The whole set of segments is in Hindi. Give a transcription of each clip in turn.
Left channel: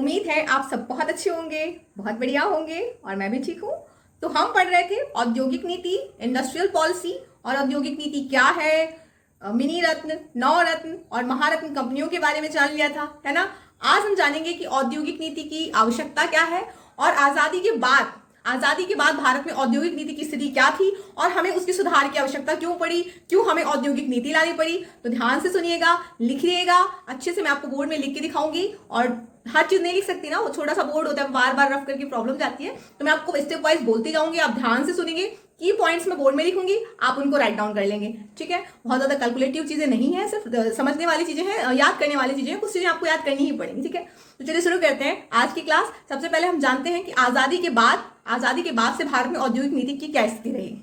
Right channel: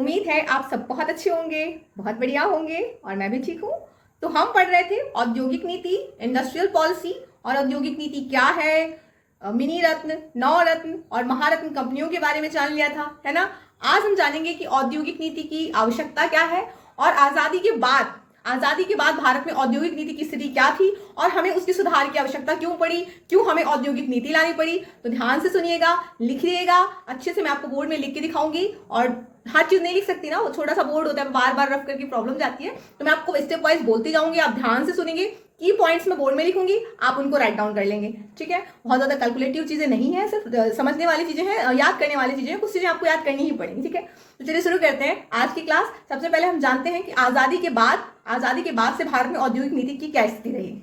उम्मीद है आप सब बहुत अच्छे होंगे, बहुत बढ़िया होंगे और मैं भी ठीक हूँ। तो हम पढ़ रहे थे औद्योगिक नीति, इंडस्ट्रियल पॉलिसी और औद्योगिक नीति क्या है, मिनी रत्न, नवरत्न और महारत्न कंपनियों के बारे में जान लिया था, है ना। आज हम जानेंगे कि औद्योगिक नीति की आवश्यकता क्या है और आजादी के बाद भारत में औद्योगिक नीति की स्थिति क्या थी और हमें उसकी सुधार की आवश्यकता क्यों पड़ी, क्यों हमें औद्योगिक नीति लानी पड़ी। तो ध्यान से सुनिएगा, लिखिएगा अच्छे से, मैं आपको बोर्ड में लिख के दिखाऊंगी। और हर चीज नहीं लिख सकती ना, वो छोटा सा बोर्ड होता है, बार बार रफ करके प्रॉब्लम जाती है। तो मैं आपको स्टेप वाइज बोलती जाऊंगी, आप ध्यान से सुनेंगे। की पॉइंट्स मैं बोर्ड में लिखूंगी, आप उनको राइट डाउन कर लेंगे, ठीक है। बहुत ज्यादा कैलकुलेटिव चीजें नहीं है, सिर्फ समझने वाली चीजें हैं, याद करने वाली चीजें हैं, कुछ चीजें आपको याद करनी ही पड़ेंगी, ठीक है। तो चलिए शुरू करते हैं आज की क्लास। सबसे पहले हम जानते हैं कि आजादी के बाद से भारत में औद्योगिक नीति की क्या स्थिति रही।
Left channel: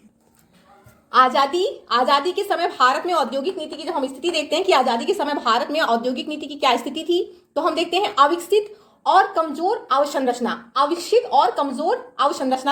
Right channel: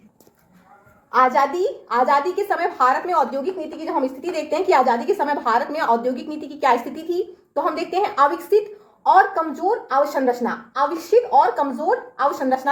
आजादी के समय भारत में औद्योगिक नीति की जब हम स्थिति देखते हैं कि आजादी के समय भारत में औद्योगिक नीति की क्या स्थिति थी, तो हम देखते हैं अविकसित और कमजोर अवसंरचना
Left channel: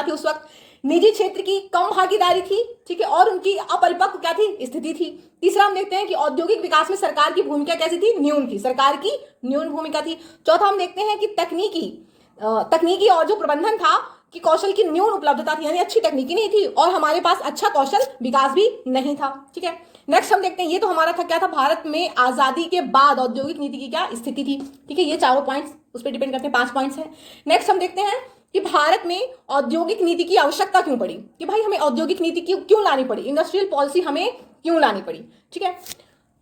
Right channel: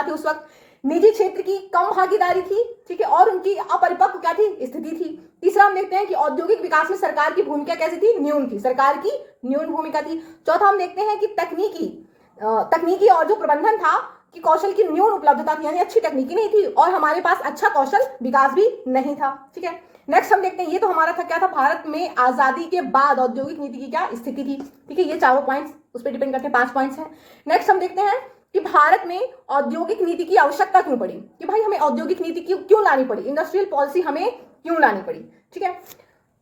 थी उस वक्त। निजी क्षेत्र की कम भागीदारी थी, ठीक है, और उनकी अपरिपक्व क्या थी, स्थिति थी। तीसरा हम देखते हैं कि औद्योगिक विकास में सरकार की भूमिका कैसी थी, न्यून थी, सरकार की न्यून भूमिका थी। चौथा हम देखते हैं कि तकनीकी और जो प्रबंधन था कि कौशल की न्यून उपलब्धता थी, यानी अच्छी तकनीकी नहीं थी और हमारे पास अच्छा कौशल विकास भी नहीं था, ठीक है। नेक्स्ट हम देखते हैं, ये तो हमारा था क्या था, भारत में आजादी के बाद औद्योगिक नीति की क्या स्थिति थी, ठीक है। ये चारों पॉइंट्स उस पर डिपेंड करते हैं, 5 पॉइंट्स हैं। नेक्स्ट हम देखते हैं कि भारत में औद्योगिक नीति की आवश्यकता क्यों पड़ी, कि भाई हमें औद्योगिक नीति क्यों लानी पड़ी, इंडस्ट्रियल पॉलिसी हमें क्यों लानी पड़ी, ठीक है।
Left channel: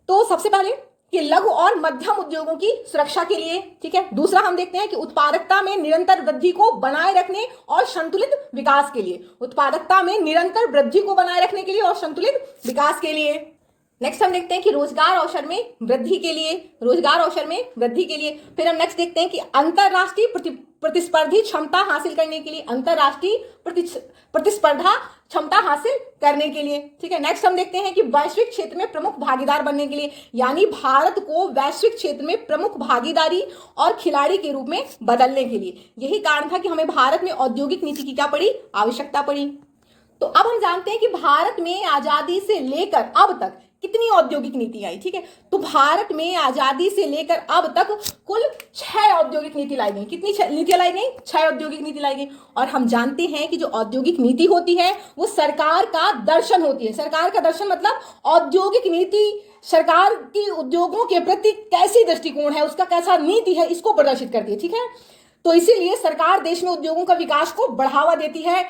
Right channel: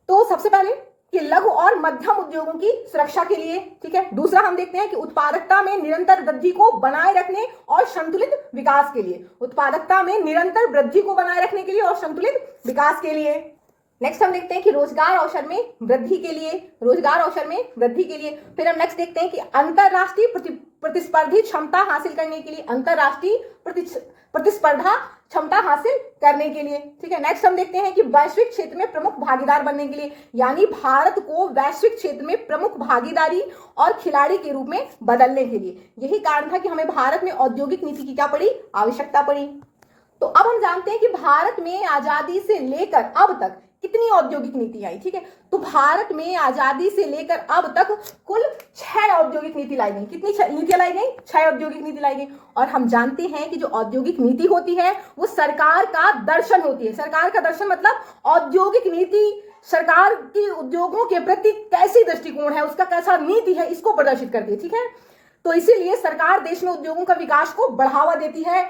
तो सबसे पहले कि लघु और मध्यम उद्योगों की सुरक्षा के लिए, ठीक है। दूसरा हम देखते हैं कि उत्पादकता में निरंतर वृद्धि को बनाए रखने और संतुलित विकास के लिए, उत्पादकता में निरंतर वृद्धि को बनाए रखने के लिए और संतुलित विकास के लिए। नेक्स्ट हम देखते हैं कि रोजगार अवसर में वृद्धि के लिए। फिर हम नेक्स्ट देखते हैं कि अंतरराष्ट्रीय प्रतिस्पर्धी क्षमता हासिल करने के लिए, अंतरराष्ट्रीय प्रतिस्पर्धा क्षमता हासिल करने के लिए, ठीक है। नेक्स्ट हम देखते हैं कि वैश्विक क्षेत्र में प्रमुख भागीदार बनने के लिए, यानी भारत को वैश्विक क्षेत्र में प्रमुख भागीदारी और खिलाड़ी के रूप में बदलने के लिए। यही कारण था कि हमें भारत में औद्योगिक नीति की क्या पड़ी, आवश्यकता पड़ी। तो अब हम जानते हैं कि भारत में आजादी से लेकर अब तक कितनी औद्योगिक नीति आई, ठीक है। तो भारत में आजादी से लेकर अब तक कुल 6 औद्योगिक नीति लाई गई। कितनी नीतियां लाई गई, 6 औद्योगिक नीति लाई गई। और हम जानते हैं कि जो औद्योगिक नीति होती है वो सरकार का दर्शन होती है। सरकार का दर्शन मतलब औद्योगिक नीति सरकार की उद्योगों के प्रति कैसी दृष्टिकोण है, उसका कैसा नीति है, इसको प्रदर्शित करती है, ठीक है। तो इसीलिए सरकार देश में उद्योगों का विकास को बढ़ावा देती है,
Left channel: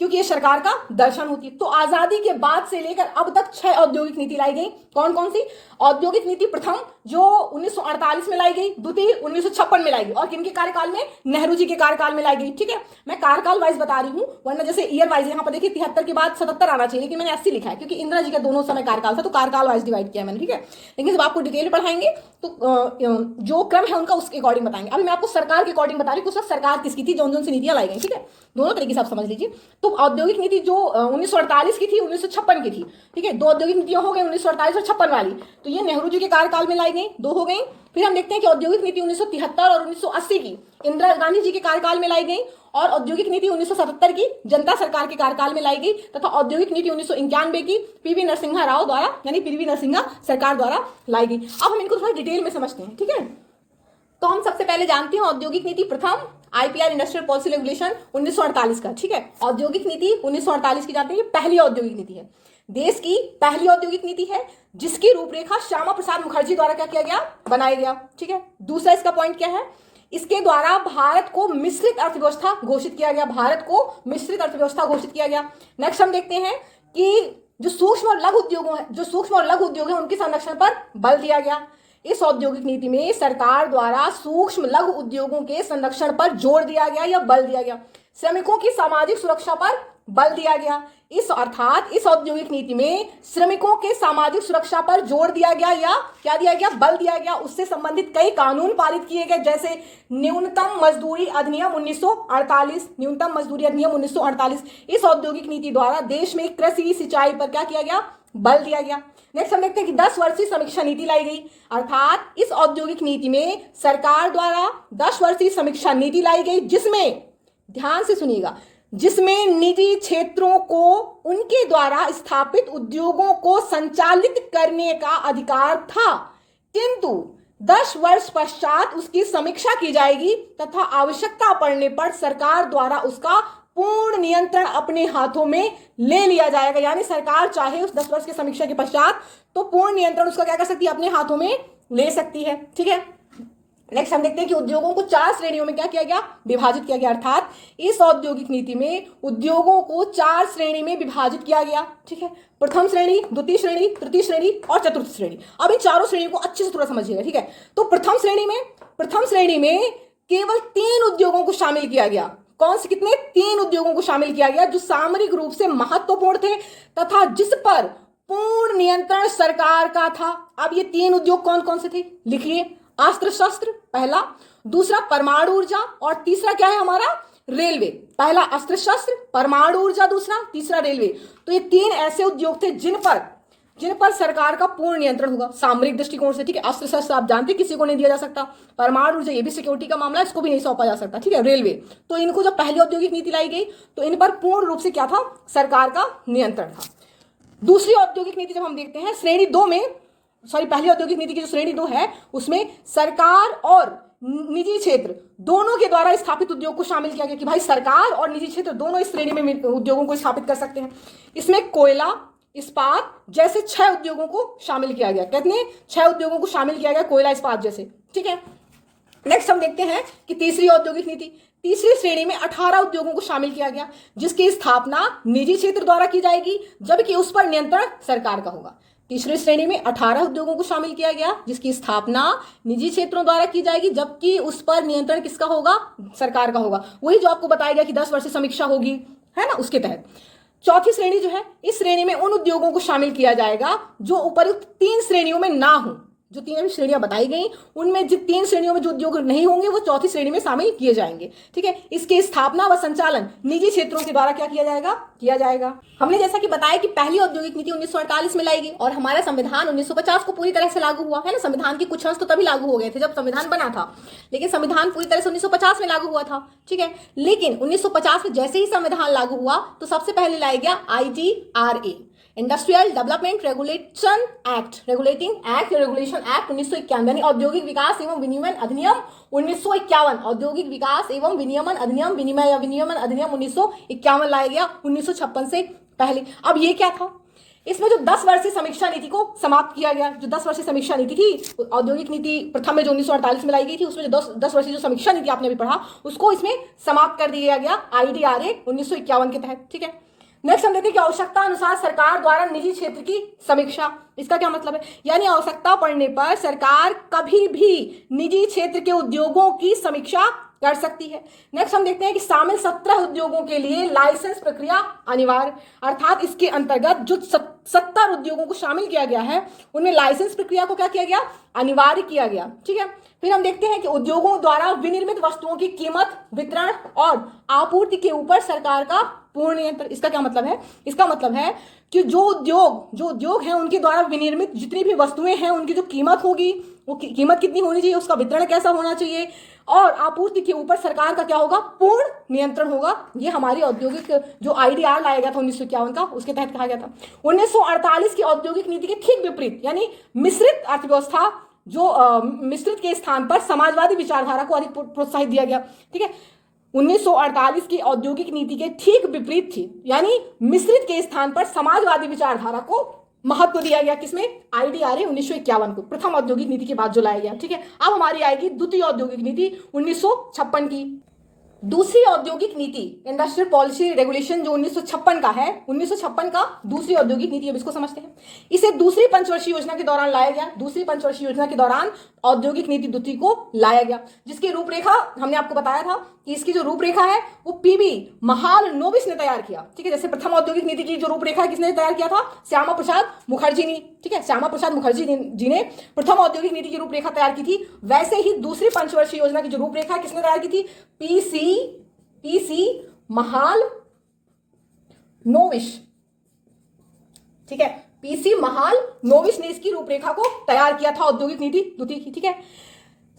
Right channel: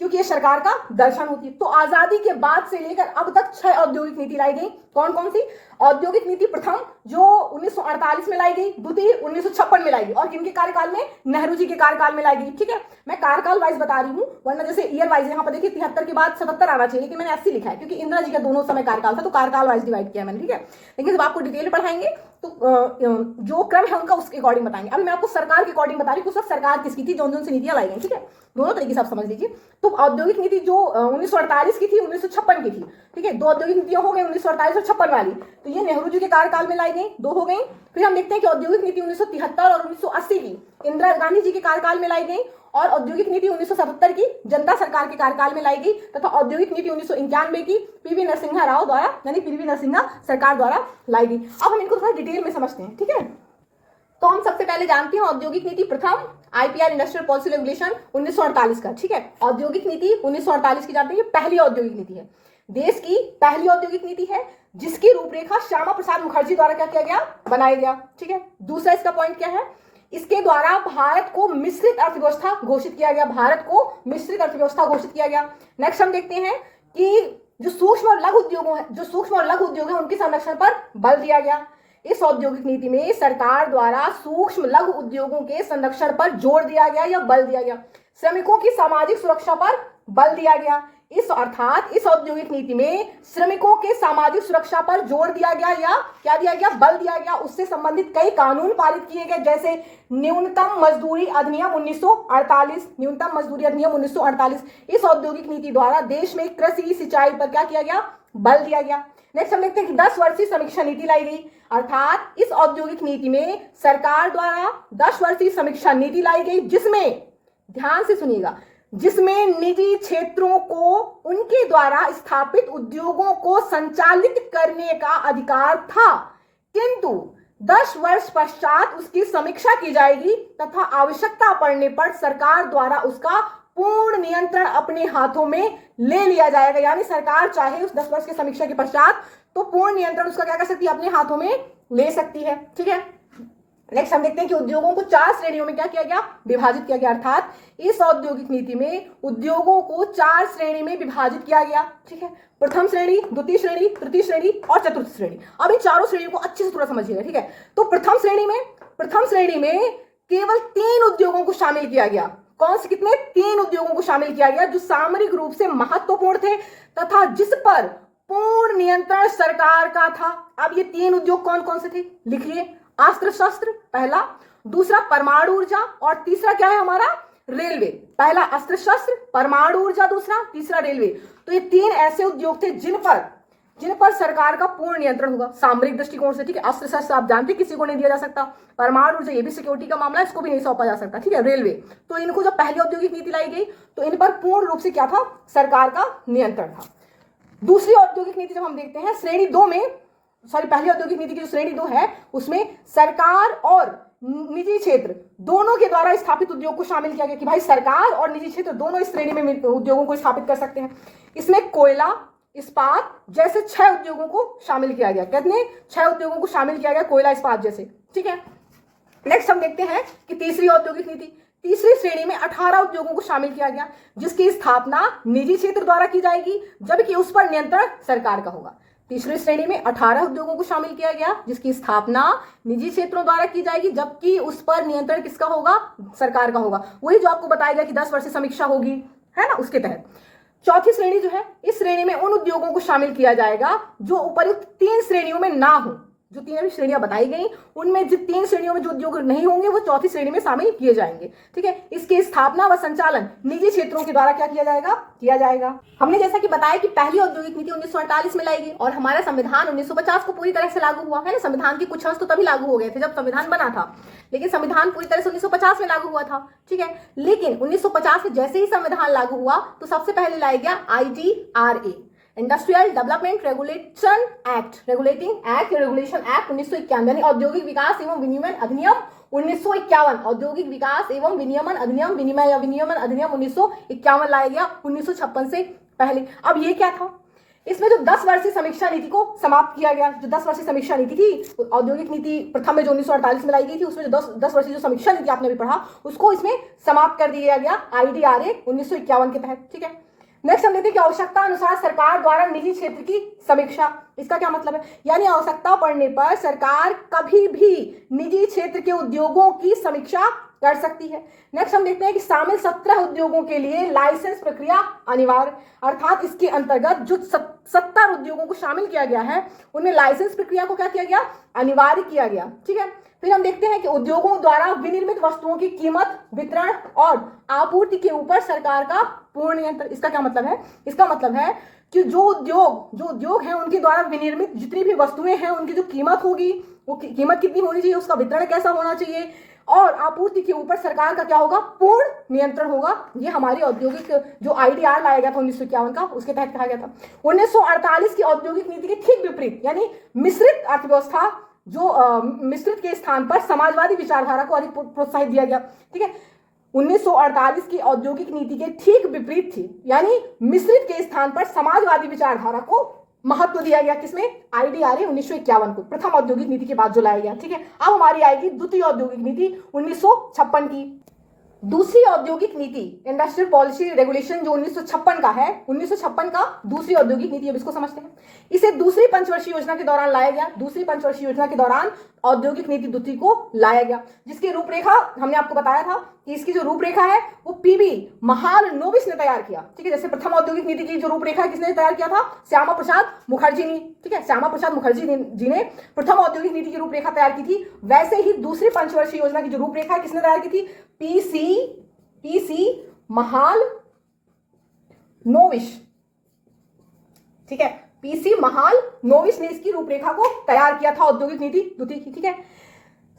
क्योंकि ये सरकार का दर्शन होती है। तो आजादी के बाद से लेकर अब तक 6 औद्योगिक नीति लाई गई। कौन कौन सी? औद्योगिक नीति प्रथम जो 1948 में लाई गई, द्वितीय 1956 में लाई गई, और किनके कार्यकाल में, नेहरू जी के कार्यकाल में लाई गई, ठीक है। मैं कार्यकाल वाइज बता रही हूँ, वरना जैसे ईयर वाइज यहाँ पर देखिए 73 के बाद 77 आना चाहिए, लेकिन मैंने 80 लिखा है क्योंकि इंदिरा जी का दोनों समय कार्यकाल था, तो कार्यकाल वाइज डिवाइड किया मैंने, ठीक है। लेकिन जब आपको डिटेल पढ़ाएंगे तो जो क्रम है उनका उसके अकॉर्डिंग बताएंगे। अब मैं आपको सरकार के अकॉर्डिंग बता रही हूँ, उस वक्त सरकार किसकी थी, जौन जौन सी नीतियां लाई गई, ठीक है। दोनों तरीके से आप समझ लीजिए। तो औद्योगिक नीति जो 1948 की थी, 1956 की थी, ठीक है। 2 औद्योगिक नीतियां हो गई, 1948 और 56 वाली, तो ये नेहरू जी के कार्यकाल में लाई गई, 2 हो गई। फिर हम देखते हैं कि औद्योगिक नीति 1973 और 1980 की इंदिरा गांधी जी के कार्यकाल में लाई गई, और औद्योगिक नीति 1977 की जनता सरकार के कार्यकाल में लाई गई, तथा औद्योगिक नीति 1991 की पीवी नरसिम्हा राव द्वारा, यानी पीवी नरसिम्हा सरकार द्वारा लाई गई। अब हम इनको थोड़ा डिटेल में समझते हैं, ठीक है। तो हम सबसे पहले जानते हैं औद्योगिक नीति प्रथम, आईपीआर इंडस्ट्रियल पॉलिसी रेगुलेशन 1948 का, ठीक है। औद्योगिक नीति 1948 की जानते हैं, ये पहली औद्योगिक नीति है, देश की पहली औद्योगिक नीति है, जिसकी रूपरेखा श्यामा प्रसाद मुखर्जी द्वारा क्या किया गया, बनाया गया, ठीक है। दूसरा इसका पॉइंट क्या है, इसके द्वारा भारत को मिश्रित अर्थव्यवस्था घोषित किया गया, भारत को मिश्रित अर्थव्यवस्था घोषित किया गया। नेक्स्ट हम देखते हैं कि जो सूक्ष्म और लघु उद्योग है उनके संरक्षण पर बल दिया गया। इस औद्योगिक नीति में सरकार द्वारा सूक्ष्म लघु उद्योगों के संरक्षण पर जोर दिया गया या बल दिया गया। श्रमिकों की सामाजिक सुरक्षा पर बल दिया गया। इस औद्योगिक नीति में श्रमिकों के सामाजिक सुरक्षा पर जोर दिया गया या क्या दिया गया, बल दिया गया। उससे संबंधित कई कानून पारित किए गए, जैसे न्यूनतम मजदूरी अधिनियम 1948। इस औद्योगिक नीति द्वारा देश में कृषि सिंचाई पर क्या किया गया, बल दिया गया। नेक्स्ट हम देखते हैं कि 10 वर्षीय समीक्षा नीति लाई गई, अर्थात इस औद्योगिक नीति में सरकार द्वारा 10 वर्षीय समीक्षा नीति लाई गई, जिसमें ध्यान से सुनिएगा, जिसमें निजी क्षेत्रों को उनके द्वारा स्थापित उद्योगों को संचालित करने का अधिकार था, किंतु 10 वर्ष पश्चात उसकी समीक्षा की जाएगी तथा आवश्यकता पड़ने पर सरकार द्वारा उसका पूर्ण नियंत्रण अपने हाथों में ले लिया जाएगा। यानी सरकार चाहे उस 10 वर्ष की समीक्षा के पश्चात तो पूर्ण नियंत्रण उसका क्या कर सकती है, अपने हाथों में ले सकती है। ठीक है, नेक्स्ट हम देखते हैं कि उद्योगों को 4 श्रेणियों में क्या किया गया, विभाजित किया गया। अर्थात इस औद्योगिक नीति में उद्योगों को 4 श्रेणी में विभाजित किया गया। ठीक है, प्रथम श्रेणी, द्वितीय श्रेणी, तृतीय श्रेणी और चतुर्थ श्रेणी। अब इन चारों श्रेणियों को अच्छे से थोड़ा समझिएगा। ठीक है, तो प्रथम श्रेणी में केवल 3 उद्योगों को शामिल किया गया। कौन से, कितने, 3 उद्योगों को शामिल किया गया जो सामरिक रूप से महत्वपूर्ण थे तथा जिस पर पूर्ण नियंत्रण सरकार का था। अब ये 3 उद्योग कौन कौन से थे, लिखिए। अस्त्र शस्त्र पहला, दूसरा परमाणु ऊर्जा और तीसरा क्या है हमारा, रेलवे। पहला अस्त्र शस्त्र, परमाणु ऊर्जा दूसरा, तीसरा रेलवे। तो ये 3 ऐसे उद्योग थे जिन पर सरकार का पूर्ण नियंत्रण होगा सामरिक दृष्टिकोण से। ठीक है, अस्त्र शस्त्र आप जानते हैं किसी को नहीं दिया जा सकता, परमाणु ऊर्जा ये भी सिक्योरिटी का मामला है, इसको भी नहीं सौंपा जा सकता। ठीक है, रेलवे, तो इनको जब पहली औद्योगिक नीति लाई गई तो इन पर पूर्ण रूप से क्या था, सरकार का नियंत्रण था। दूसरी औद्योगिक नीति जब हम देखते हैं श्रेणी 2 में, पहली औद्योगिक नीति की जो श्रेणी 2 है उसमें सरकार और निजी क्षेत्र दोनों के द्वारा स्थापित उद्योग को शामिल किया गया कि भाई सरकार और निजी क्षेत्र दोनों इस श्रेणी में उद्योगों को स्थापित कर सकते हैं। इसमें कोयला, इस्पात जैसे 6 उद्योगों को शामिल किया गया। कितने, 6 उद्योगों को शामिल किया गया, कोयला, इस्पात जैसे। ठीक है, नेक्स्ट हम देखते हैं कि तीसरी औद्योगिक नीति, तीसरी श्रेणी में 18 उद्योगों को शामिल किया गया जिसकी स्थापना निजी क्षेत्र द्वारा की जाएगी जबकि उस पर नियंत्रण सरकार का होगा। तीसरी श्रेणी में 18 उद्योगों को शामिल किया गया जिसकी स्थापना निजी क्षेत्रों द्वारा की जाएगी जबकि उस पर नियंत्रण किसका होगा, सरकार का होगा। वही जो आपको बताया गया कि 10 वर्ष समीक्षा होगी, है ना, उसके तहत। चौथी श्रेणी जो है, इस श्रेणी में उन उद्योगों को शामिल किया जाएगा जो उपयुक्त 3 श्रेणियों में ना हो। जो 3 श्रेणियां बताई गई उनमें जो 3 श्रेणियों में जो उद्योग नहीं होंगे वो चौथी श्रेणी में शामिल किए जाएंगे। ठीक है, इसकी स्थापना व संचालन निजी क्षेत्रों के द्वारा क्या किया जाएगा। हमने जैसा कि बताया कि पहली औद्योगिक नीति 1948 में लाई गई और हमारा संविधान 1950 को पूरी तरह से लागू हुआ है ना। संविधान के कुछ अंश तो तभी लागू हो गए थे जब संविधान बना था, लेकिन संविधान पूरी तरह से 1950 में लागू हुआ था। ठीक है, लेकिन 1950 में जैसे ही संविधान लागू हुआ तो सबसे पहले लाया गया IDRA, industrial development regulation act, regulation act 1951, यानी औद्योगिक विकास एवं विनियमन अधिनियम 1951, औद्योगिक विकास एवं विनियमन अधिनियम, विनियमन अधिनियम 1951 लाया गया 1956 से पहले। अब ये क्या था, इसमें जो 10 वर्षीय समीक्षा नीति को समाप्त किया गया। जो 10 वर्षीय समीक्षा नीति थी औद्योगिक नीति प्रथम में जो 1948 में लाई गई थी, उसमें जो 10 वर्षीय जो समीक्षा नीति आपने अभी पढ़ा उसको इसमें समाप्त कर दिया गया IDRA 1951 के तहत। ठीक है, नेक्स्ट हम देखते हैं कि आवश्यकता अनुसार सरकार द्वारा निजी क्षेत्र की समीक्षा। इसका क्या मतलब है, यानी आवश्यकता पड़ने पर सरकार कभी भी निजी क्षेत्र के उद्योगों की समीक्षा कर सकती है। नेक्स्ट हम देखते हैं कि शामिल 17 उद्योगों के लिए लाइसेंस प्रक्रिया अनिवार्य, अर्थात इसके अंतर्गत जो 70 उद्योगों को शामिल किया गया है उनमें लाइसेंस प्रक्रिया को क्या किया गया, अनिवार्य किया गया। ठीक है, फिर हम देखते हैं कि उद्योगों द्वारा विनिर्मित वस्तुओं की कीमत, वितरण और आपूर्ति के ऊपर सरकार का पूर्ण नियंत्रण। इसका क्या मतलब है, इसका मतलब है कि जो उद्योग हैं उनके द्वारा विनिर्मित जितनी भी वस्तुएं हैं उनकी जो कीमत होगी वो कीमत कितनी होनी चाहिए, उसका वितरण कैसा होना चाहिए और आपूर्ति के ऊपर सरकार का क्या होगा, पूर्ण नियंत्रण होगा। ये हमारी औद्योगिक जो IDR लाया गया था 1951 का, उसके तहत कहा गया था। 1948 की औद्योगिक नीति के ठीक विपरीत, यानी मिश्रित अर्थव्यवस्था, जो मिश्रित के स्थान पर समाजवादी विचारधारा को अधिक प्रोत्साहित दिया गया। ठीक है, 1948 की औद्योगिक नीति के ठीक विपरीत थी, यानी मिश्रित के स्थान पर समाजवादी विचारधारा को महत्व दिया गया। किसमें, IDRA 1951 को, प्रथम औद्योगिक नीति के बाद जो लाया गया। ठीक है, अब हमारी आएगी द्वितीय औद्योगिक नीति 1956 की। दूसरी औद्योगिक नीति इंडस्ट्रियल पॉलिसी रेगुलेशन जो 1956 का है, 1956 का दूसरी औद्योगिक नीति, अब इसको समझते हैं। इसे दूसरी पंचवर्षीय योजना के दौरान लाया गया। दूसरी पंचवर्षीय योजना के दौरान औद्योगिक नीति द्वितीय को लाया गया, जिसकी रूपरेखा हमने आपको बताया था कि इसकी जो रूपरेखा है वो PB महालनोबिस ने तैयार किया। ठीक है, जैसे प्रथम औद्योगिक नीति की जो रूपरेखा किसने तैयार किया था, श्यामा प्रसाद मुखर्जी ने। ठीक है, श्यामा प्रसाद मुखर्जी जी ने प्रथम औद्योगिक नीति की रूपरेखा तैयार की थी। वैसे ही दूसरी पंचवर्षीय योजना की जो रूपरेखा किसने तैयार की थी, PC महालनोबिस। ठीक है, PC महालनोबिस ने इसकी रूपरेखा को तैयार किया था औद्योगिक नीति द्वितीय की। ठीक है,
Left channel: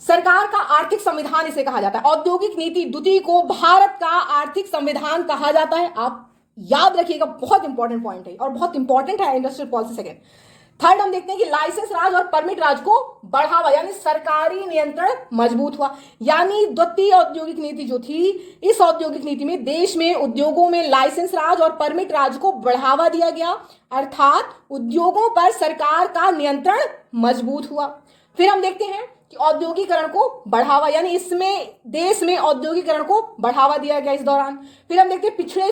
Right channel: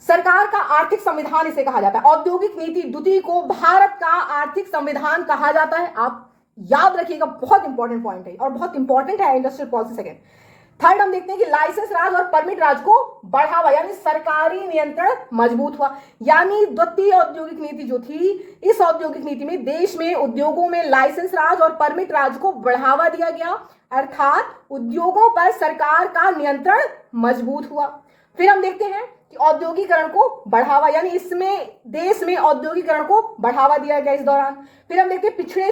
सरकार का आर्थिक संविधान इसे कहा जाता है। औद्योगिक नीति द्वितीय को भारत का आर्थिक संविधान कहा जाता है। आप याद रखिएगा, बहुत इंपॉर्टेंट पॉइंट है और बहुत इंपॉर्टेंट है इंडस्ट्रियल पॉलिसी सेकेंड। थर्ड हम देखते हैं कि लाइसेंस राज और परमिट राज को बढ़ावा, यानी सरकारी नियंत्रण मजबूत हुआ। यानी द्वितीय औद्योगिक नीति जो थी, इस औद्योगिक नीति में देश में उद्योगों में लाइसेंस राज और परमिट राज को बढ़ावा दिया गया, अर्थात उद्योगों पर सरकार का नियंत्रण मजबूत हुआ। फिर हम देखते हैं कि औद्योगिकरण को बढ़ावा, यानी इसमें देश में औद्योगिकरण को बढ़ावा दिया गया इस दौरान। फिर हम देखते हैं पिछड़े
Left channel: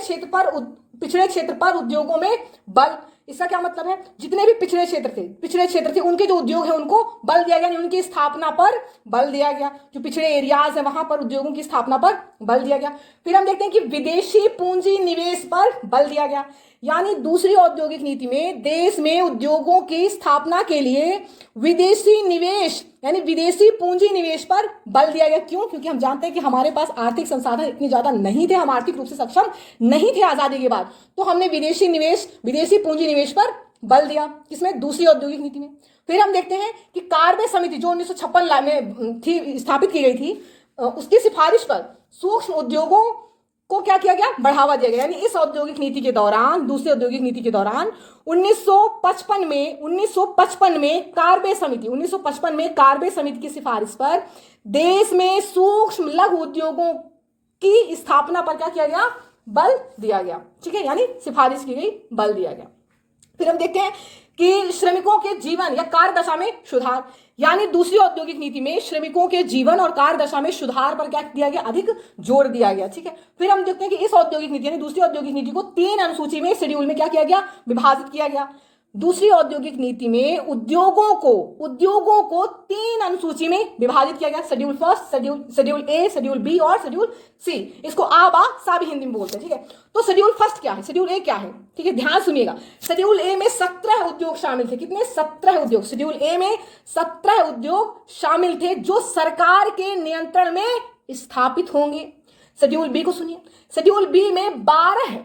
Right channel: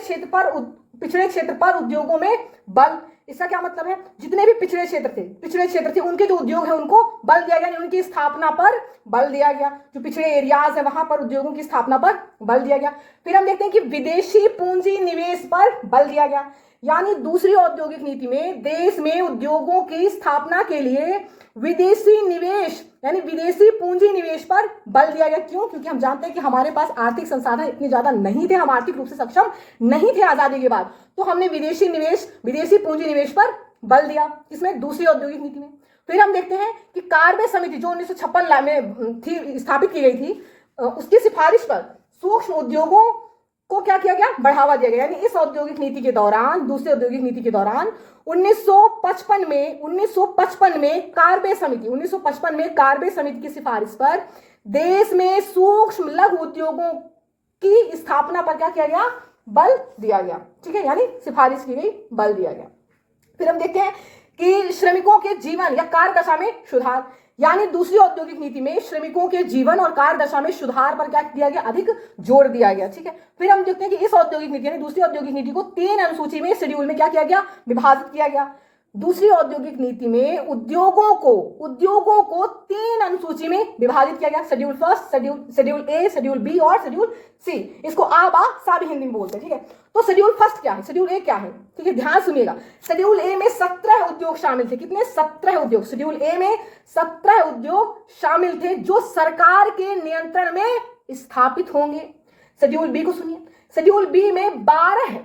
क्षेत्र पर उद्योगों में बल। इसका क्या मतलब है, जितने भी पिछड़े क्षेत्र थे उनके जो उद्योग है उनको बल दिया गया, यानी उनकी स्थापना पर बल दिया गया। जो पिछड़े एरियाज है वहां पर उद्योगों की स्थापना पर बल दिया गया। फिर हम देखते हैं कि विदेशी पूंजी निवेश पर बल दिया गया, यानी दूसरी औद्योगिक नीति में देश में उद्योगों की स्थापना के लिए विदेशी निवेश यानी विदेशी पूंजी निवेश पर बल दिया गया। क्यों? क्योंकि हम जानते हैं कि हमारे पास आर्थिक संसाधन इतने ज्यादा नहीं थे, हम आर्थिक रूप से सक्षम नहीं थे आजादी के बाद, तो हमने विदेशी पूंजी निवेश पर बल दिया, किसमें? दूसरी औद्योगिक नीति में। फिर हम देखते हैं कि कार्बे समिति जो 1956 में थी, स्थापित की गई थी, उसकी सिफारिश पर सूक्ष्म उद्योगों को क्या किया गया? बढ़ावा दिया गया। यानी इस औद्योगिक नीति के दौरान, दूसरी औद्योगिक नीति के दौरान 1955 में कार्बे समिति की सिफारिश पर देश में सूक्ष्म लघु उद्योगों की स्थापना पर क्या किया गया? बल दिया गया। ठीक है, यानी सिफारिश की गई, बल दिया गया। फिर हम देखते हैं कि श्रमिकों के जीवन या कार्य दशा में सुधार, यानी दूसरी औद्योगिक नीति में श्रमिकों के जीवन और कार्य दशा में सुधार पर क्या दिया गया? अधिक जोर दिया गया। ठीक है, फिर हम देखते हैं कि इस औद्योगिक नीति यानी दूसरी औद्योगिक नीति को 3 अनुसूची में, शेड्यूल में क्या किया गया? विभाजित किया गया। दूसरी औद्योगिक नीति में उद्योगों को 3 अनुसूची में विभाजित किया गया, शेड्यूल फर्स्ट, शेड्यूल ए, शेड्यूल बी और शेड्यूल सी। इसको आ बा सा भी हिंदी में बोलते हैं। ठीक है, तो शेड्यूल फर्स्ट क्या है, शेड्यूल ए क्या है? ठीक है, ध्यान सुनिएगा। शेड्यूल ए में 17 उद्योग शामिल थे। कितने? 17 उद्योग। शेड्यूल ए में 17 उद्योग शामिल थे जो सरकार के नियंत्रण में स्थापित होंगे। शेड्यूल बी को सुनिए। शेड्यूल बी में 12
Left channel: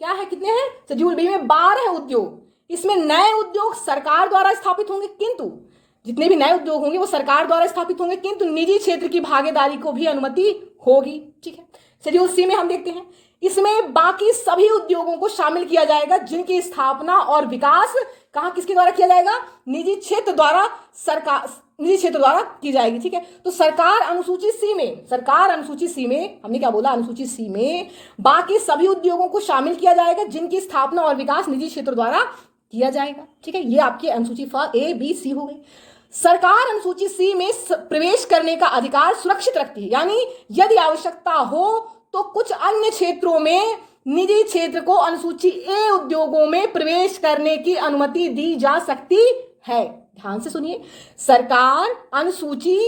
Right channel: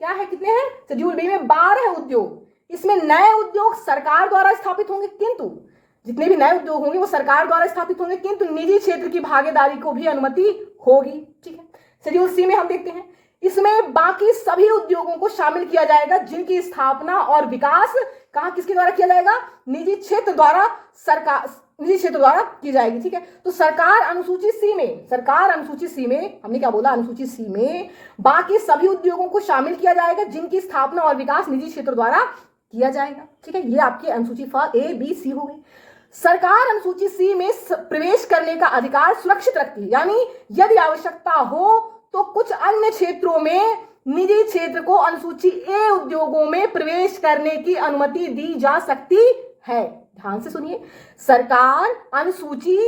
क्या है? कितने हैं? शेड्यूल बी में 12 उद्योग। इसमें नए उद्योग सरकार द्वारा स्थापित होंगे, किंतु जितने भी नए उद्योग होंगे वो सरकार द्वारा स्थापित होंगे, किंतु निजी क्षेत्र की भागीदारी को भी अनुमति होगी। ठीक है, शेड्यूल सी में हम देखते हैं, इसमें बाकी सभी उद्योगों को शामिल किया जाएगा जिनकी स्थापना और विकास किसके द्वारा किया जाएगा? निजी क्षेत्र द्वारा की जाएगी। ठीक है, तो सरकार अनुसूची सी में हमने क्या बोला? अनुसूची सी में बाकी सभी उद्योगों को शामिल किया जाएगा जिनकी स्थापना और विकास निजी क्षेत्र द्वारा किया जाएगा। ठीक है, ये आपकी अनुसूची ए बी सी हो गई। सरकार अनुसूची सी में प्रवेश करने का अधिकार सुरक्षित रखती है, यानी यदि आवश्यकता हो तो कुछ अन्य क्षेत्रों में निजी क्षेत्र को अनुसूची ए उद्योगों में प्रवेश करने की अनुमति दी जा सकती है। ध्यान से सुनिए, सरकार अनुसूची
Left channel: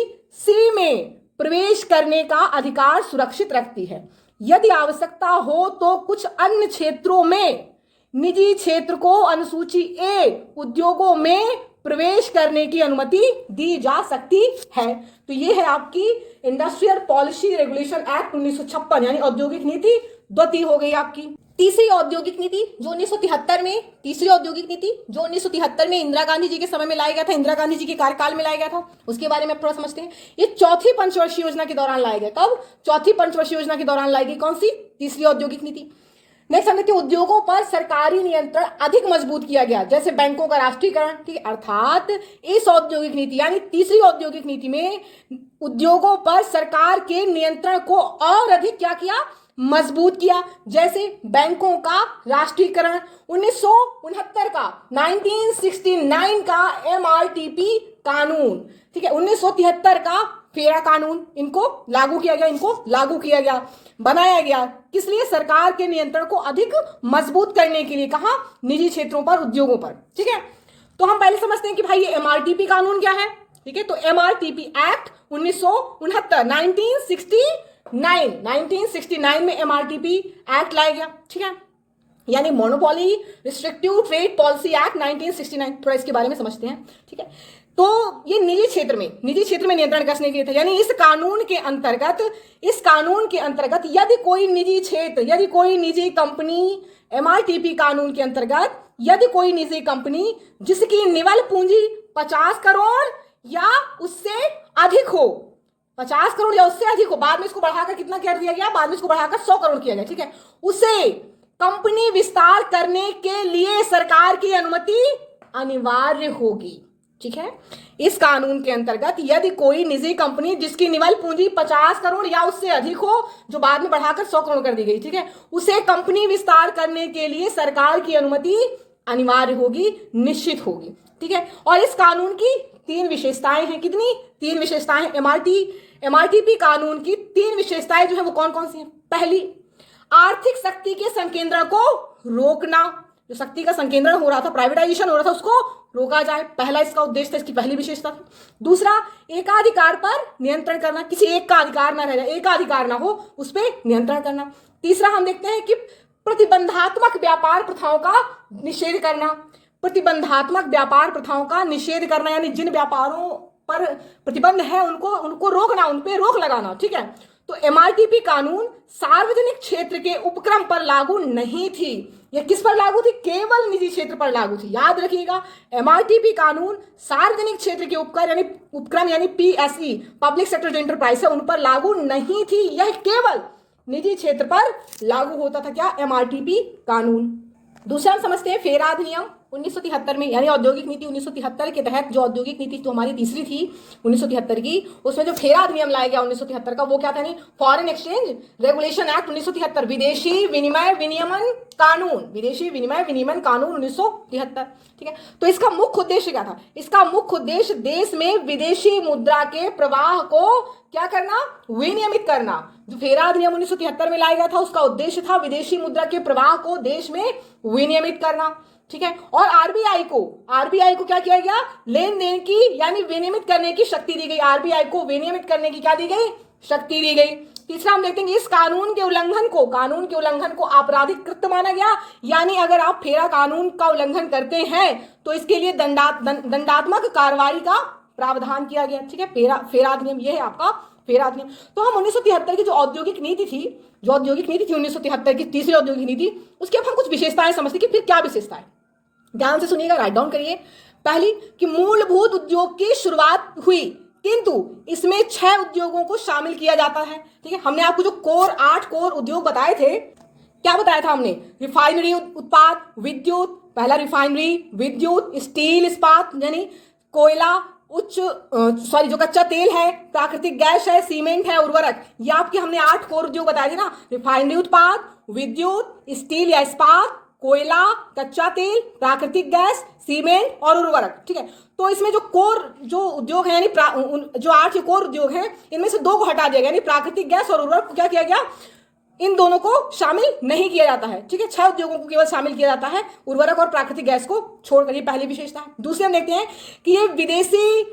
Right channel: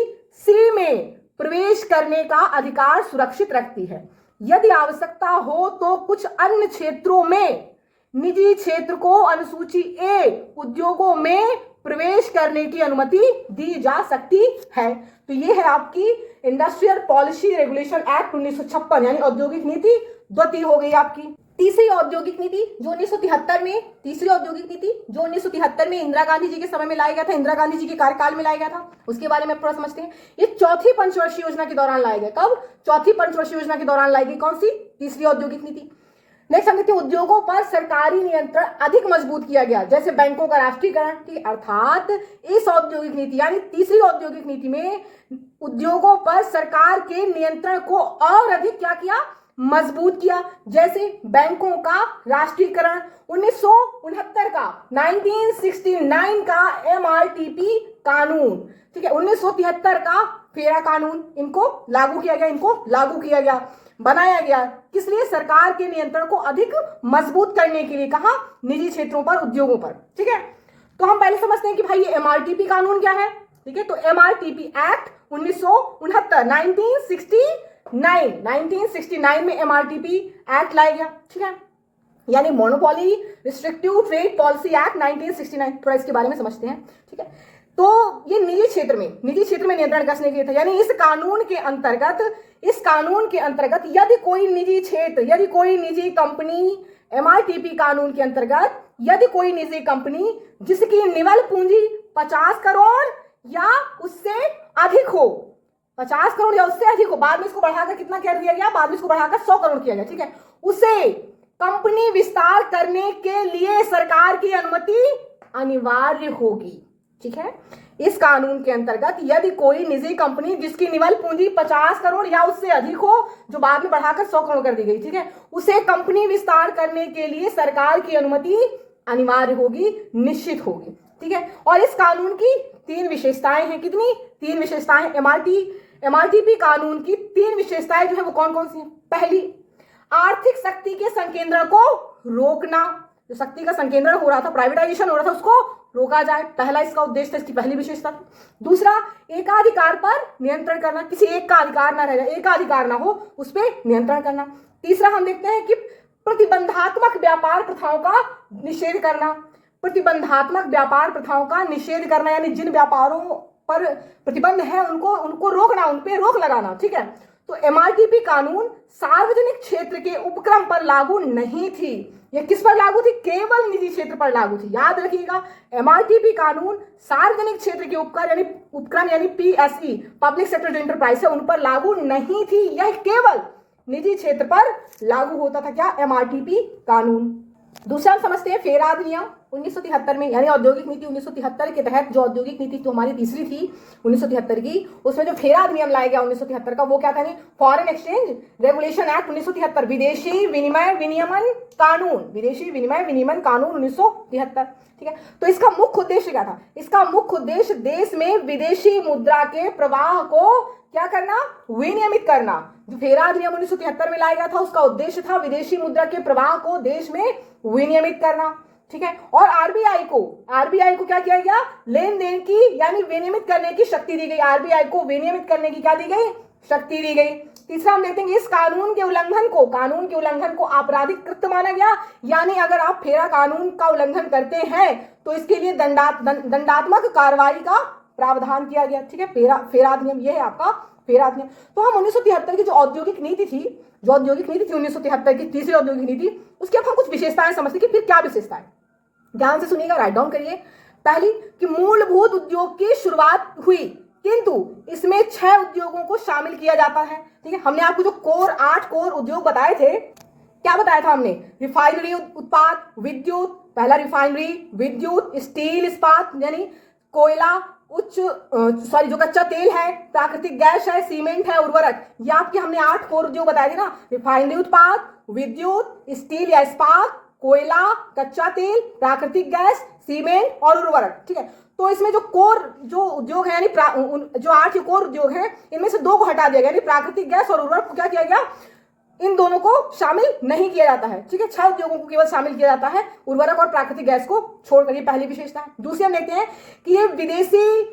सी में प्रवेश करने का अधिकार सुरक्षित रखती है, यदि आवश्यकता हो तो कुछ अन्य क्षेत्रों में निजी क्षेत्र को अनुसूची ए उद्योगों में प्रवेश करने की अनुमति दी जा सकती है। तो ये है आपकी इंडस्ट्रियल पॉलिसी रेगुलेशन एक्ट 1956, यानी औद्योगिक नीति द्वितीय हो गई आपकी। तीसरी औद्योगिक नीति जो 1973 में इंदिरा गांधी जी के समय में लाया गया था, इंदिरा गांधी जी के कार्यकाल में लाया गया था, उसके बारे में थोड़ा समझते हैं। ये चौथी पंचवर्षीय योजना के दौरान लाया गया। कब? चौथी पंचवर्षीय योजना के दौरान लाई गई। कौन सी? तीसरी औद्योगिक नीति। नेक्स्ट हम देखते हैं, उद्योगों पर सरकारी नियंत्रण अधिक मजबूत किया गया, जैसे बैंकों का राष्ट्रीयकरण। ठीक है, अर्थात इस औद्योगिक नीति यानी तीसरी औद्योगिक नीति में उद्योगों पर सरकार के नियंत्रण को और अधिक क्या किया? मजबूत किया, जैसे बैंकों का राष्ट्रीयकरण, 1969 का MRTP कानून। ठीक है, 1973 का फेरा कानून, इनको लागू किया गया, बनाया गया। किस लिए? सरकार के नियंत्रण को अधिक मजबूत करने के लिए। कहां? निजी क्षेत्रों पर, उद्योगों पर। ठीक है, तो हम पहले समझते हैं कि भाई ये MRTP कानून क्या है। ठीक है, तो MRTP एक्ट 1969 में MRTP एक्ट लाया गया। ठीक है, यानी monopoly restrictive trade policy act 1969। थोड़ा इसके बारे में समझते हैं। ठीक है, तो ये निजी क्षेत्र में नियंत्रण कसने के लिए था, यानी इस कानून के अंतर्गत यदि कोई निजी कंपनी MRTP कानून के अंतर्गत यदि कोई निजी कंपनी जिसकी निवल पूंजी 50 करोड़ या उससे अधिक हो, 50 करोड़ या उससे अधिक हो, बाद में इसको बढ़ाकर कितना कर दिया गया? बाद में इसको बढ़ाकर 100 करोड़ किया गया। ठीक है, उसे कंपनी विस्तार करने के लिए सरकार की अनुमति अनिवार्य होगी। ठीक है, इस कानून के अंतर्गत यदि कोई निजी कंपनी जिसकी निवल पूंजी 50 करोड़ या उससे अधिक हो, जो बाद में बढ़ाकर 100 करोड़ कर दी गई, ठीक है, उसे कंपनी विस्तार करने के लिए सरकार की अनुमति अनिवार्य होगी, निश्चित होगी। ठीक है, और इस कानून की 3 विशेषताएं हैं। कितनी? 3 विशेषताएं। एमआरटीपी कानून की 3 विशेषताएं जो है वो कौन कौन सी हैं? पहली, आर्थिक शक्ति के संकेंद्रण को रोकना। जो शक्ति का संकेंद्रण हो रहा था, प्राइवेटाइजेशन हो रहा था, उसको रोका जाए, पहला इसका उद्देश्य था, इसकी पहली विशेषता थी। दूसरा, एकाधिकार पर नियंत्रण करना, किसी एक का अधिकार ना रह जाए, एकाधिकार ना हो, उस पर नियंत्रण करना। तीसरा हम देखते हैं कि प्रतिबंधात्मक व्यापार प्रथाओं का निषेध करना। प्रतिबंधात्मक व्यापार प्रथाओं का निषेध करना यानी जिन व्यापारों पर प्रतिबंध है उनको रोकना, उन पे रोक लगाना। ठीक है, तो एमआरटीपी कानून सार्वजनिक क्षेत्र के उपक्रम पर लागू नहीं थी। यह किस पर लागू थी? केवल निजी क्षेत्र पर लागू थी। याद रखिएगा, एमआरटीपी कानून सार्वजनिक क्षेत्र के उपक्रम यानी पीएसई, पब्लिक सेक्टर जो इंटरप्राइज है, उन पर लागू नहीं थी। यह केवल निजी क्षेत्र पर लागू होता था। क्या? एमआरटीपी कानून। दूसरा हम समझते हैं फेरा अधिनियम 1973 में, यानी औद्योगिक नीति 1973 के तहत जो औद्योगिक नीति तो हमारी तीसरी थी 1973 की, उसमें जो फेरा अधिनियम लाया गया 1973 का, वो क्या था? नहीं, फॉरेन एक्सचेंज रेगुलेशन एक्ट 1973, विदेशी विनिमय विनियमन कानून, विदेशी विनिमय विनियमन कानून 1973। ठीक है, तो इसका मुख्य उद्देश्य क्या था? इसका मुख्य उद्देश्य देश में विदेशी मुद्रा के प्रवाह को क्या करना? विनियमित करना। जो फेरा अधिनियम 1973 में लाया गया था, उसका उद्देश्य था विदेशी मुद्रा के प्रवाह को देश में विनियमित करना। ठीक है, और आरबीआई को क्या किया गया? लेन देन की यानी विनियमित करने की शक्ति दी गई। आरबीआई को विनियमित करने की क्या दी गई? शक्ति दी गई। तीसरा हम देखते हैं इस कानून के उल्लंघन को आपराधिक कृत्य माना गया, यानी अगर आप फेरा कानून का उल्लंघन करते हैं तो इसके लिए दंडात्मक कार्रवाई का प्रावधान किया गया। ठीक है, फेरा अधिनियम, यह है आपका फेरा अधिनियम। तो हम 1973 की जो औद्योगिक नीति थी 1973 की तीसरी औद्योगिक नीति, उसकी अब हम कुछ विशेषताएं समझते कि फिर क्या विशेषताएं। ध्यान से सुनिएगा, राइट डाउन करिए। पहली, कि मूलभूत उद्योग की शुरुआत हुई, किंतु इसमें 6 उद्योगों को शामिल किया जाता है। ठीक है, हमने आपको जो 8 कोर उद्योग बताए थे, क्या बताया था हमने? रिफाइनरी उत्पाद, विद्युत, पहला रिफाइनरी, विद्युत, स्टील इस्पात यानी कोयला, जो कच्चा तेल है, प्राकृतिक गैस है, सीमेंट है, उर्वरक, ये आपके हमने 8 कोर उद्योग बताए थे ना। रिफाइनरी उत्पाद, विद्युत, स्टील या इस्पात, कोयला, कच्चा तेल, प्राकृतिक गैस, सीमेंट और उर्वरक। ठीक है, तो इसमें जो उद्योग है यानी जो 8 कोर उद्योग हैं, इनमें से 2 को हटा दिया गया, यानी प्राकृतिक गैस और उर्वरक को क्या किया गया? इन दोनों को शामिल नहीं किया जाता है। ठीक है, 6 उद्योगों को केवल शामिल किया जाता है, उर्वरक और प्राकृतिक गैस को छोड़कर। ये पहली विशेषता है। दूसरी हम देखते हैं कि ये विदेशी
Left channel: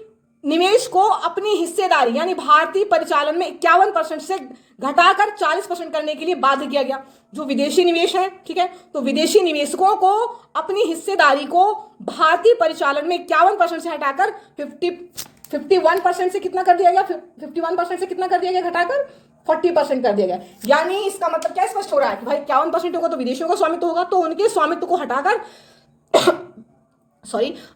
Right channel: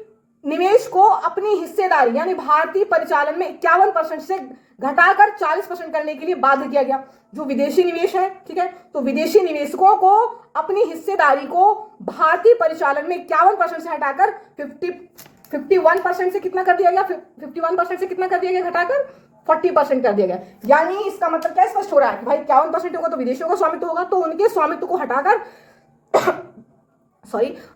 निवेश को अपनी हिस्सेदारी यानी भारतीय परिचालन में 51% से घटाकर 40% करने के लिए बाध्य किया गया। जो विदेशी निवेश है, ठीक है, तो विदेशी निवेशकों को अपनी हिस्सेदारी को भारतीय परिचालन में 51% से हटाकर 51% से कितना कर दिया गया? 51% से कितना कर दिया गया? घटाकर 40% कर दिया गया। यानी इसका मतलब क्या स्पष्ट हो रहा है कि भाई 51% होगा तो विदेशियों का स्वामित्व होगा, तो उनके स्वामित्व को हटाकर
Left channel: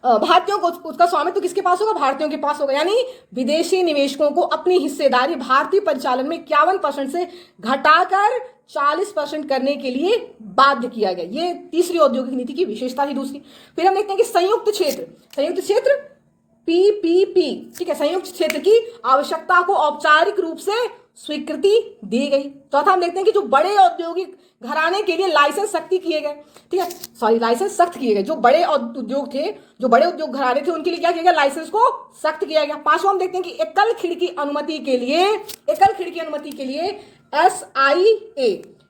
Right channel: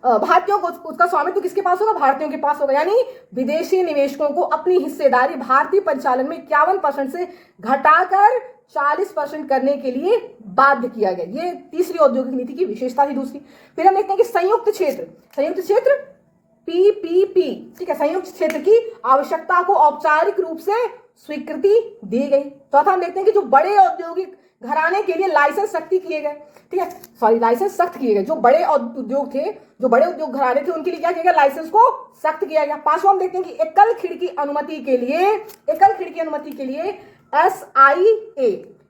भारतीयों को, उसका स्वामित्व किसके पास होगा? भारतीयों के पास होगा। यानी विदेशी निवेशकों को अपनी हिस्सेदारी भारतीय परिचालन में 51% से घटाकर 40% करने के लिए बाध्य किया गया। ये तीसरी औद्योगिक नीति की विशेषता थी। दूसरी, फिर हम देखते हैं कि संयुक्त क्षेत्र पीपीपी, ठीक है, संयुक्त क्षेत्र की आवश्यकता को औपचारिक रूप से स्वीकृति दी गई। चौथा हम देखते हैं कि जो बड़े औद्योगिक घराने के लिए लाइसेंस सख्त किए गए। ठीक है, लाइसेंस सख्त किए गए। जो बड़े उद्योग थे, जो बड़े उद्योग घराने थे, उनके लिए क्या किया गया? लाइसेंस को सख्त किया गया। पांचवा हम देखते हैं कि एकल खिड़की अनुमति के लिए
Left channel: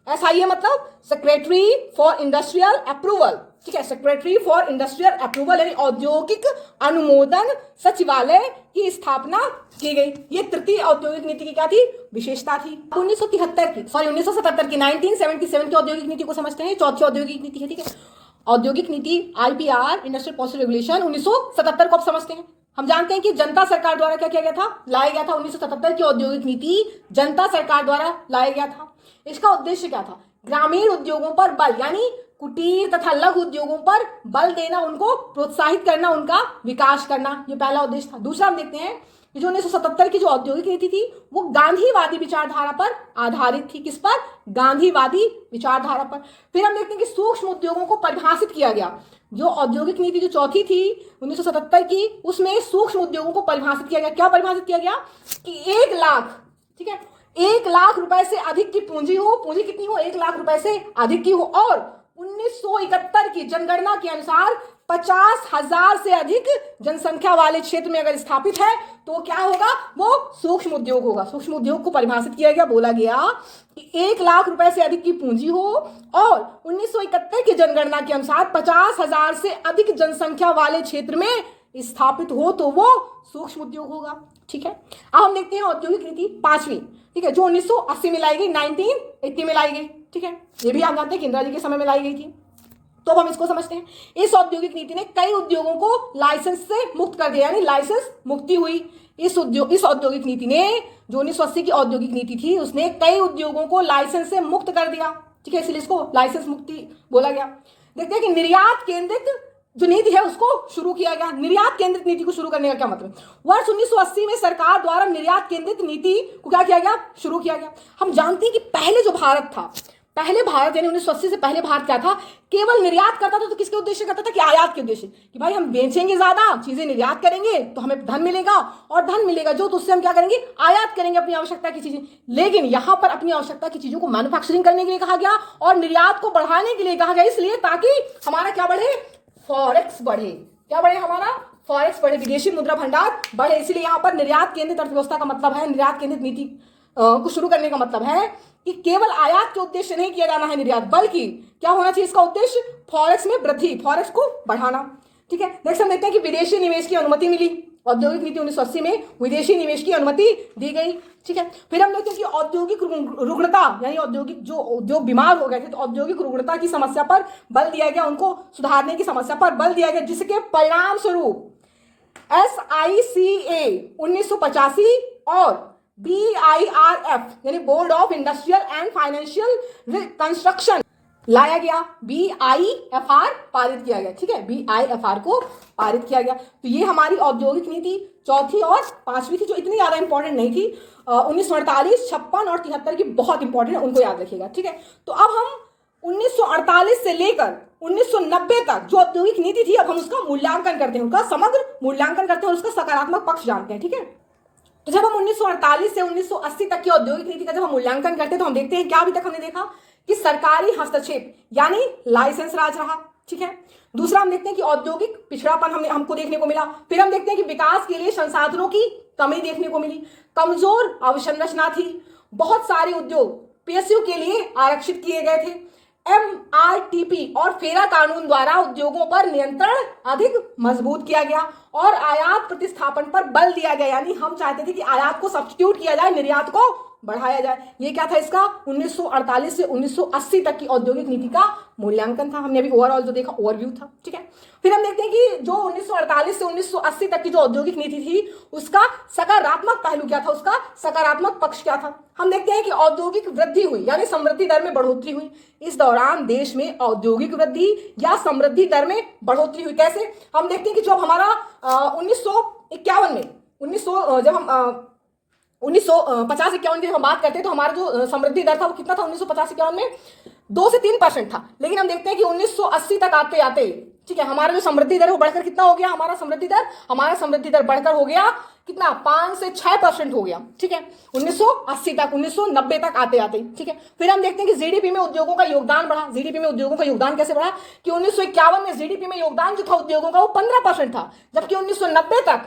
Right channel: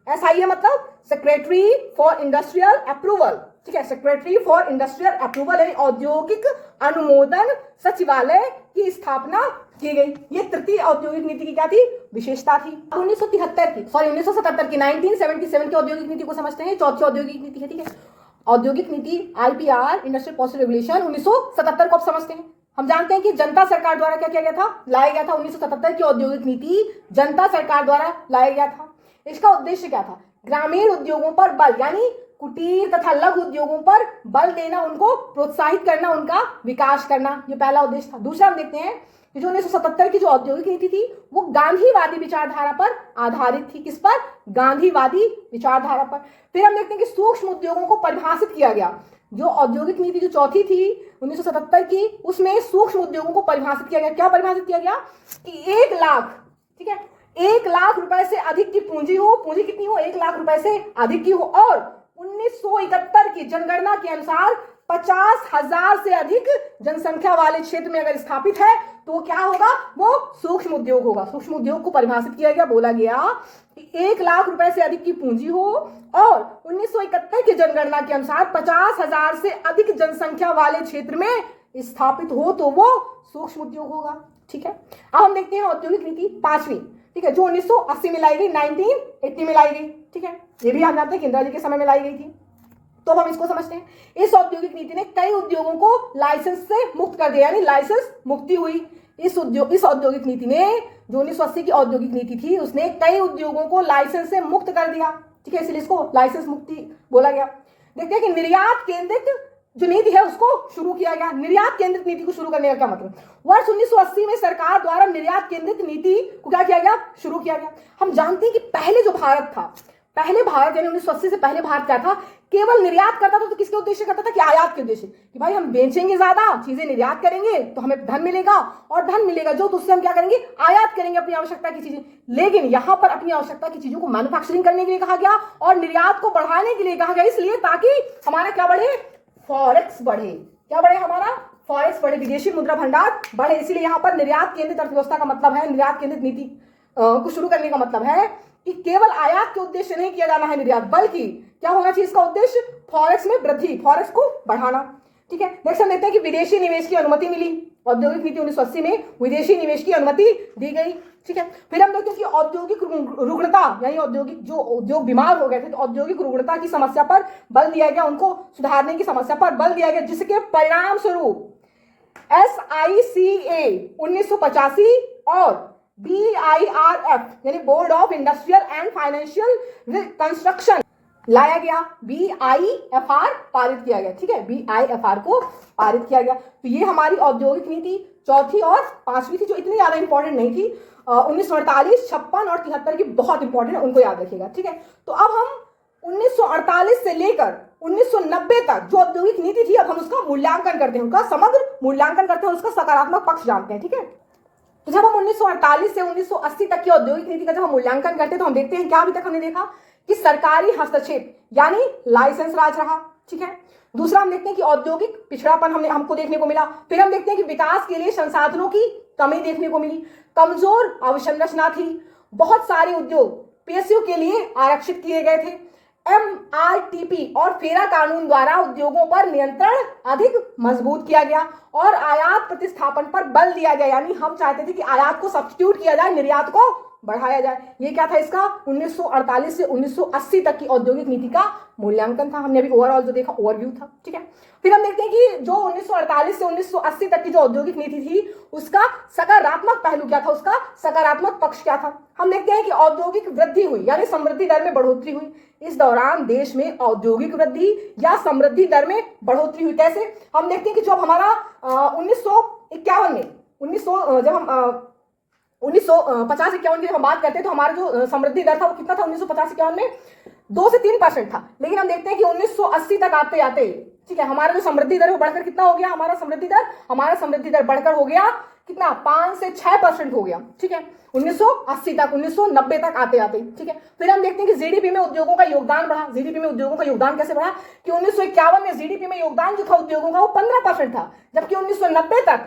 SIA मतलब सेक्रेटरी फॉर इंडस्ट्रियल अप्रूवल। ठीक है, सेक्रेटरी फॉर इंडस्ट्रियल अप्रूवल यानी औद्योगिक अनुमोदन सचिवालय की स्थापना की गई। ये तृतीय औद्योगिक नीति की क्या थी? विशेषता थी। 1977 की 1977 की औद्योगिक नीति को समझते हैं। चौथी औद्योगिक नीति है। ठीक है, औद्योगिक नीति IPR, इंडस्ट्रियल पॉलिसी रेगुलेशन 1977 को अब समझते हैं। हम जानते हैं कि जनता सरकार द्वारा क्या किया गया था? लाया गया था 1977 की औद्योगिक नीति जनता सरकार द्वारा लाया गया था। इसका उद्देश्य क्या था? ग्रामीण उद्योगों पर बल यानी कुटीर तथा लघु उद्योगों पर बल देना, उनको प्रोत्साहित करना, उनका विकास करना, ये पहला उद्देश्य था। दूसरा हम देखते हैं जो 1977 की जो औद्योगिक नीति थी वो गांधीवादी विचारधारा पर आधारित थी। किस पर? गांधीवादी विचारधारा पर। फिर हम देखते हैं कि सूक्ष्म उद्योगों को परिभाषित किया गया। जो औद्योगिक नीति जो चौथी थी 1977 की, उसमें सूक्ष्म उद्योगों को परिभाषित किया गया। क्या परिभाषित किया गया? कि 1 लाख, ठीक है, 1 लाख रुपए से अधिक की पूंजी हो, पूंजी कितनी हो? 1 लाख रुपए से अधिक की हो, और 1971 की जनगणना के अनुसार 50,000 से अधिक जनसंख्या वाले क्षेत्र में अगर स्थापित है तो क्या होगा? वो सूक्ष्म उद्योग होगा। सूक्ष्म उद्योग को परिभाषित किया गया, बोला गया कि 1 लाख रुपए से अधिक की पूंजी हो और 1971 की जनगणना के अनुसार 50,000 से अधिक जनसंख्या वाले क्षेत्र में स्थापित हो तो वो सूक्ष्म उद्योग होगा। ठीक है, अब हम देखते हैं औद्योगिक नीति 5वीं, ठीक है, जो 1980 में लाई गई, 1980 में लाई गई। ठीक है, ये भी हम जानते हैं कि इंदिरा जी के समय में लाई गई थी। तो अब हम इसको समझते हैं। इस औद्योगिक नीति ने कई उद्योगों को लाइसेंस से मुक्त कर दिया, यानी लाइसेंस मुक्ति हुई। इस औद्योगिक नीति ने, जो 1980 की औद्योगिक नीति थी, उसने कई उद्योगों को लाइसेंस से मुक्त कर दिया। ठीक है, इसलिए इसको लाइसेंस मुक्ति बोला गया। देखते हैं कि निर्यात केंद्रित जो नीति है उसको शुरू किया गया। निर्यात केंद्रित नीति को शुरू करने का क्या मतलब? वर्ष 1980 में सरकार द्वारा निर्यात केंद्रित नीति को क्या किया गया? शुरू किया गया। हम जानते हैं कि पहले जो भारत था, पहले भारत यानी 1980 से पहले भारत क्या था? केवल निर्यात करता था। तो किसके उद्देश्य करता था? कि आयात के उद्देश्य, कि भाई हम बेचेंगे ज्यादा चीजें, निर्यात करेंगे तो हमें धन मिलेगा, और धन मिलेगा जो, तो उससे हम क्या करेंगे? आयात करेंगे अपनी आवश्यकता की चीजें। लेकिन यहां पर अपनी आवश्यकता की चीजों को मैन्युफैक्चरिंग करने के लिए कहा गया और निर्यात को बढ़ाने के लिए कहा गया, इसलिए ताकि हमारा क्या बढ़े? फॉरेक्स बढ़े। क्या बढ़े? हमारा फॉरेक्स बढ़े, विदेशी मुद्रा भंडार बढ़े। इसीलिए यहां पर निर्यात केंद्रित अर्थव्यवस्था का मतलब है, निर्यात केंद्रित नीति को शुरू करने का मतलब है कि केवल आयात के उद्देश्य नहीं किया जाना है निर्यात, बल्कि क्या होना चाहिए इसका उद्देश्य? फॉरेक्स में वृद्धि, फॉरेक्स को बढ़ाना। ठीक है, नेक्स्ट हम देखते हैं कि विदेशी निवेश की अनुमति मिली। औद्योगिक नीति 1980 में विदेशी निवेश की अनुमति दी गई। ठीक है, फिर हम देखते हैं कि औद्योगिक रुग्णता, यानी औद्योगिक जो उद्योग बीमार हो गए थे, तो औद्योगिक रुग्णता की समस्या पर बल दिया गया, उनको सुधारने की समस्या पर बल दिया गया, जिसके परिणाम स्वरूप SICA 1985 और BIRF यानी board of industrial and financial construction लाया गया। BIFR पारित किया गया। ठीक है, BIFR को पारित किया गया। तो ये हमारी औद्योगिक नीति चौथी और 5वीं थी, जो इतनी ज्यादा इंपॉर्टेंट नहीं थी। 1948, 56 और 73 की बहुत इंपॉर्टेंट है, उनको याद रखिएगा। ठीक है, तो अब हम 1948 से लेकर 1990 तक जो औद्योगिक नीति थी, अब हम उसका मूल्यांकन करते हैं, उनका समग्र मूल्यांकन करते हैं और उसका सकारात्मक पक्ष जानते हैं। ठीक है, तो जब हम 1948 से 1980 तक की औद्योगिक नीति का जब हम मूल्यांकन करते हैं तो हम देखते हैं क्या अभी तक हमने देखा कि सरकारी हस्तक्षेप यानी लाइसेंस राज रहा। ठीक है, दूसरा हम देखते हैं कि औद्योगिक पिछड़ापन हमको देखने को मिला। फिर हम देखते हैं कि विकास के लिए संसाधनों की कमी देखने को मिली, कमजोर अवसंरचना थी, बहुत सारे उद्योग PSU के लिए आरक्षित किए गए थे, MRTP और फेरा कानून द्वारा उद्योगों पर नियंत्रण अधिक मजबूत किया गया और आयात प्रतिस्थापन पर बल दिया गया, यानी हम चाहते थे कि आयात को सब्स्टिट्यूट किया जाए, निर्यात को बढ़ाया जाए। ये क्या था? इसका 1948 से 1980 तक की औद्योगिक नीति का मूल्यांकन था। हमने अभी ओवरऑल जो देखा ओवरव्यू था। ठीक है, फिर हम देखते हैं कि जो 1948 से 1980 तक की जो औद्योगिक नीति थी उसका सकारात्मक पहलू क्या था, उसका सकारात्मक पक्ष क्या था। हम देखते हैं कि औद्योगिक वृद्धि हुई, यानी समृद्धि दर में बढ़ोतरी हुई। इस दौरान देश में औद्योगिक वृद्धि या समृद्धि दर में बढ़ोतरी हुई। कैसे? हम देखते हैं कि जब हमारा 1951 में 1950-51 की जब हम बात करते हैं तो हमारा जो समृद्धि दर था वो कितना था? 1950-51 में 2 से 3% था। लेकिन हम देखते हैं कि 1980 तक आते आते, ठीक है, हमारा जो समृद्धि दर है वो बढ़कर कितना हो गया? हमारा समृद्धि दर बढ़कर हो गया कितना? 5 से 6% हो गया। ठीक है, 1980 तक, 1990 तक आते आते। ठीक है, फिर हम देखते हैं कि जीडीपी में उद्योगों का योगदान बढ़ा। जीडीपी में उद्योगों का योगदान कैसे बढ़ा? कि 1951 में जीडीपी में योगदान जो था उद्योगों का वो 15% था, जबकि 1990 तक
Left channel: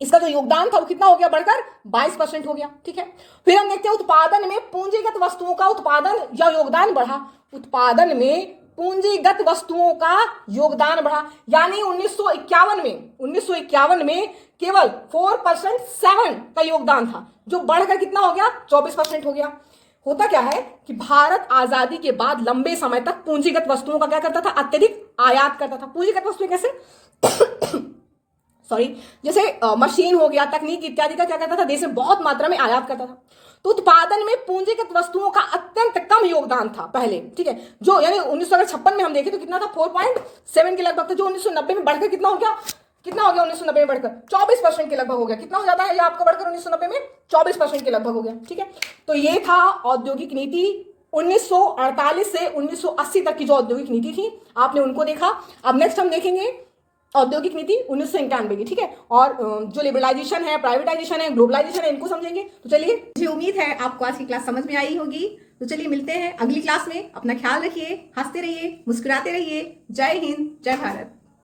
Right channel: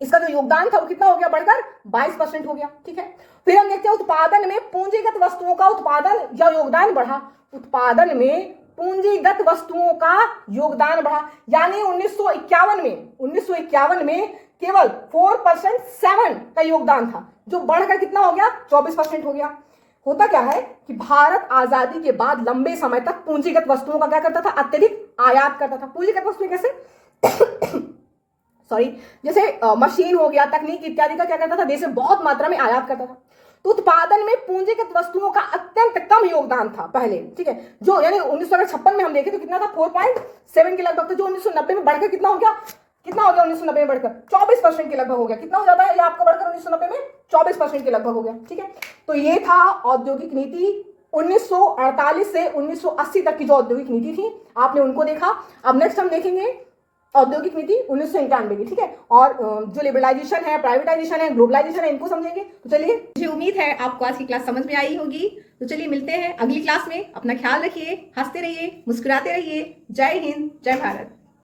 इसका जो योगदान था वो कितना हो गया? बढ़कर 22% हो गया। ठीक है, फिर हम देखते हैं उत्पादन में पूंजीगत वस्तुओं का उत्पादन या योगदान बढ़ा। उत्पादन में पूंजीगत वस्तुओं का योगदान बढ़ा, यानी 1951 में केवल 4% का योगदान था, जो बढ़कर कितना हो गया? 24% हो गया। होता क्या है कि भारत आजादी के बाद लंबे समय तक पूंजीगत वस्तुओं का क्या करता था? अत्यधिक आयात करता था। पूंजीगत वस्तुएं कैसे? जैसे मशीन हो गया, तकनीक इत्यादि का क्या करता था? देश में बहुत मात्रा में आयात करता था। तो उत्पादन में पूंजीगत वस्तुओं का अत्यंत कम योगदान था पहले। ठीक है, जो यानी 1956 में हम देखें तो कितना था? 4.7 के लगभग था, जो 1990 में बढ़कर कितना हो गया? कितना हो गया 1990 में बढ़कर 24% के लगभग हो गया। कितना हो जाता है ये आपका बढ़कर 1990 में 24% के लगभग हो गया। ठीक है, तो ये था औद्योगिक नीति 1948 से 1980 तक की जो औद्योगिक नीति थी, आपने उनको देखा। अब नेक्स्ट हम देखेंगे औद्योगिक नीति 1991 की। ठीक है, और जो लिबरलाइजेशन है, प्राइवेटाइजेशन है, ग्लोबलाइजेशन है, इनको समझेंगे। तो चलिए, मुझे उम्मीद है आपको आज की क्लास समझ में आई होगी। तो चलिए मिलते हैं अगली क्लास में। अपना ख्याल रखिए, हंसते रहिए, मुस्कुराते रहिए। जय हिंद, जय भारत।